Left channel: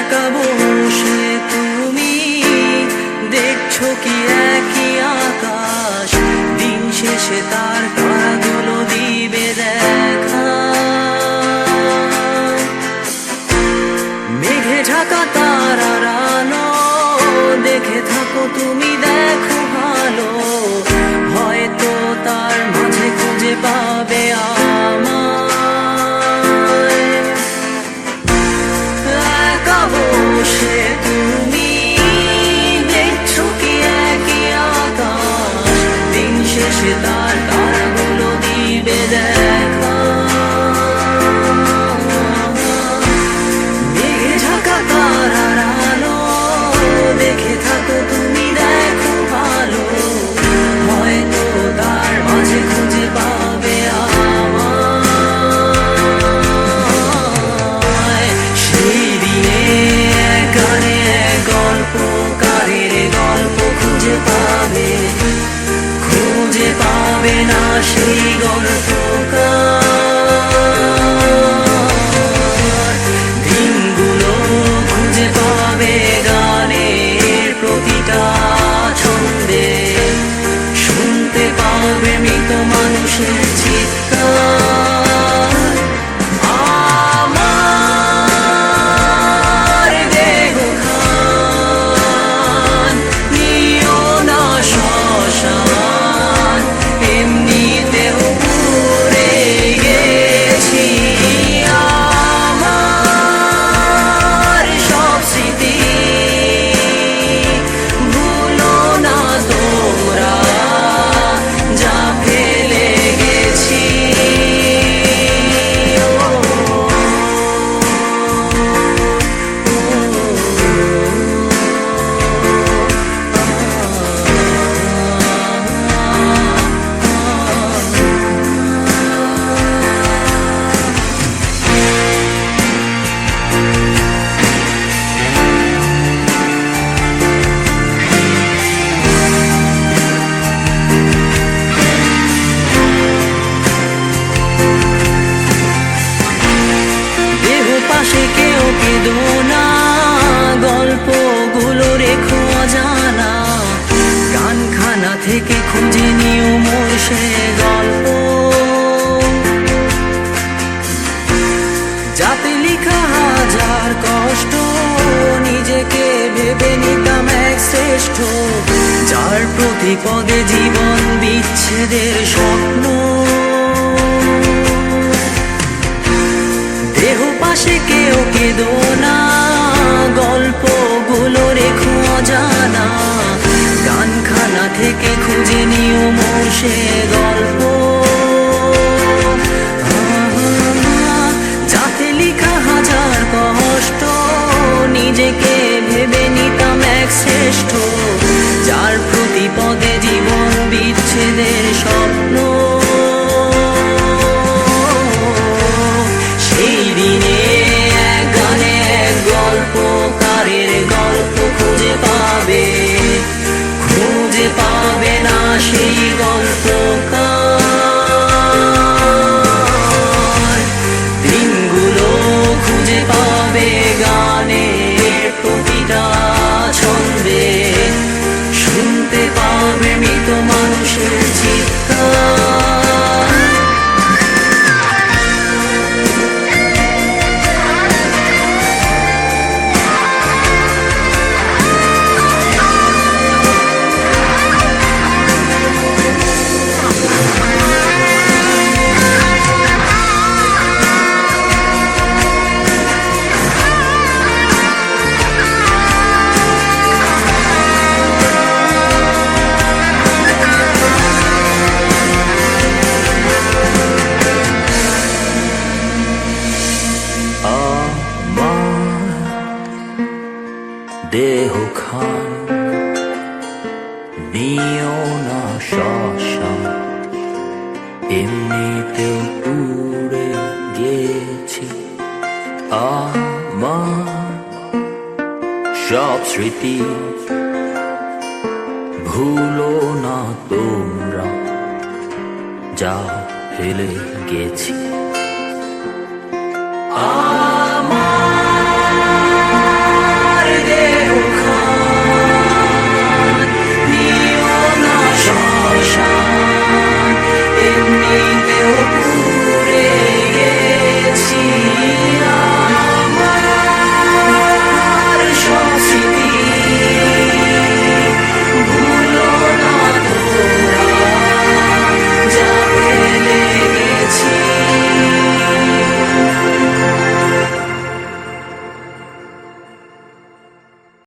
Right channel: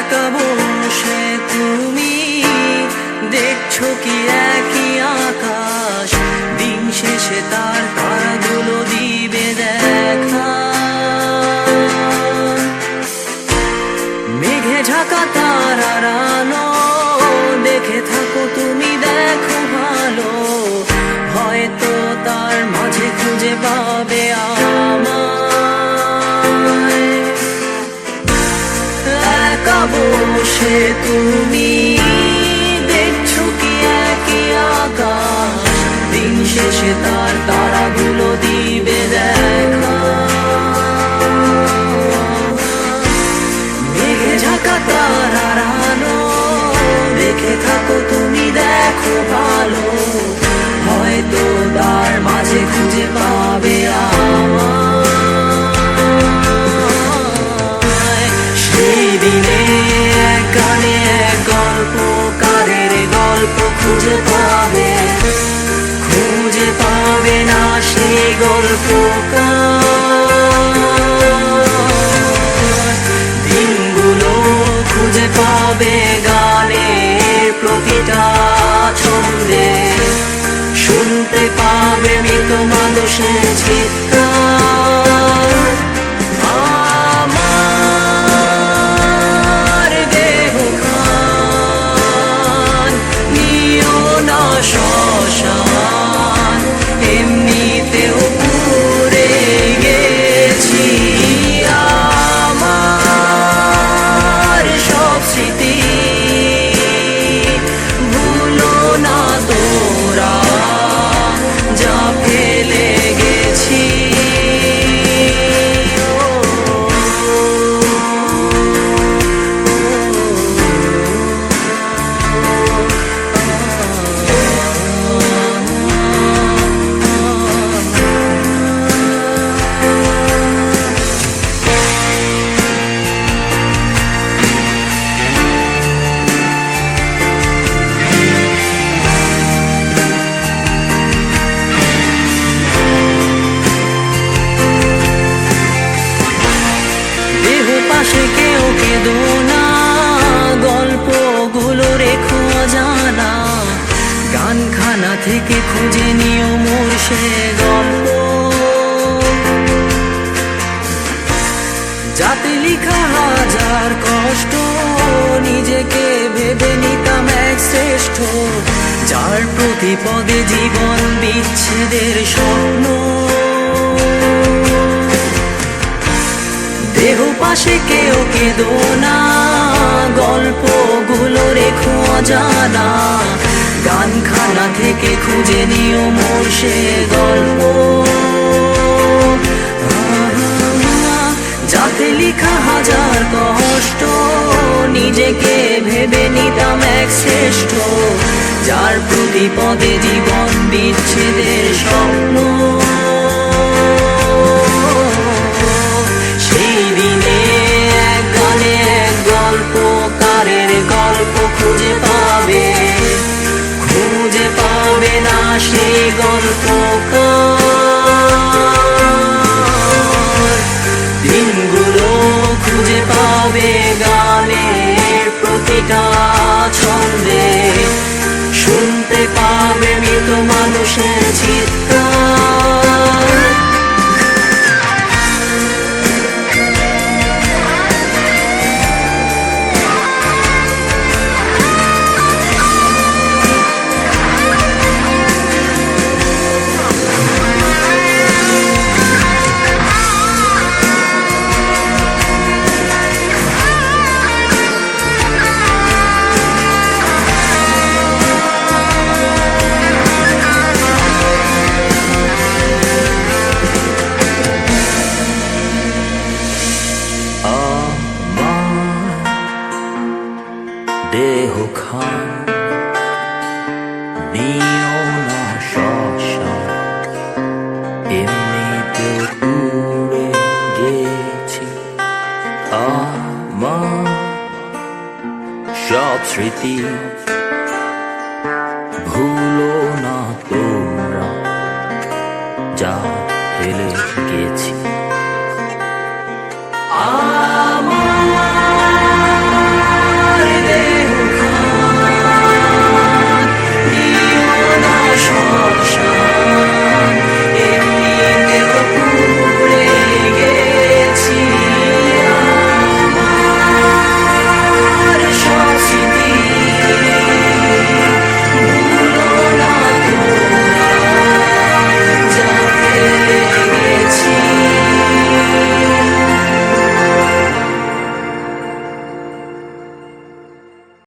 একা বসে তুমি দেখছো কি একই আকাশ, দিন শেষে তার তারাগুলো দিবে দেখা। মেঘে ঢাকা তারার আলো দেখে থাকো তুমি, দেখো ভালো, হয়তো তার মাঝে খুঁজে পাবে আমায়। একা বসে তুমি দেখছো কি একই আকাশ, দিন শেষে তার তারাগুলো দিবে দেখা। মেঘে ঢাকা তারার আলো দেখে থাকো তুমি, দেখো ভালো, হয়তো তার মাঝে খুঁজে পাবে আমায়। সেই দিনে এক গানে এক গল্পকারের গল্প খুঁজে পাবে, খুঁজে পাবে না সেই গল্পকার। দিনগুলো খুঁজে পাবে গানের প্রতিটা ছন্দে, শুনতে পাবে মৃত মানুষের চিৎকার। আমার দেহ খান নিও না শ্মশান, এমনিতেও পুড়ে গেছি। আমার সব স্মৃতি ভুলো না তোমরা, যা ফেলে গেছি। পাশে কেউ কেঁদো না, গল্পগুলো রেখো অজানা, গানখানা থেকে খুঁজে নিও মোর সে গল্প, যাতে লিখা হাজার কষ্ট নিজেকে ভেবে নিতাম এক শ্রেষ্ঠ, যার প্রতি পদে জীবন বিচ্ছেদের স্বপ্ন। দেহ পাশে কেউ কেঁদো না, গল্পগুলো রেখো অজানা, গানখানা থেকে খুঁজে নিও মোর সে গল্প, যাতে লিখা হাজার কষ্ট নিজেকে ভেবে নিতাম এক শ্রেষ্ঠ, যার প্রতি পদে জীবন বিচ্ছেদের স্বপ্ন। সেই দিনে এক গানে এক গল্পকারের গল্প খুঁজে পাবে, খুঁজে পাবে না সেই গল্পকার। দিনগুলো খুঁজে পাবে গানের প্রতিটা ছন্দে, শুনতে পাবে মৃত মানুষের চিৎকার। দেহ খান নিও না শ্মশান, এমনিতেও পুড়ে গেছি। আমার সব স্মৃতি ভুলো না তোমরা, যা ফেলে গেছি।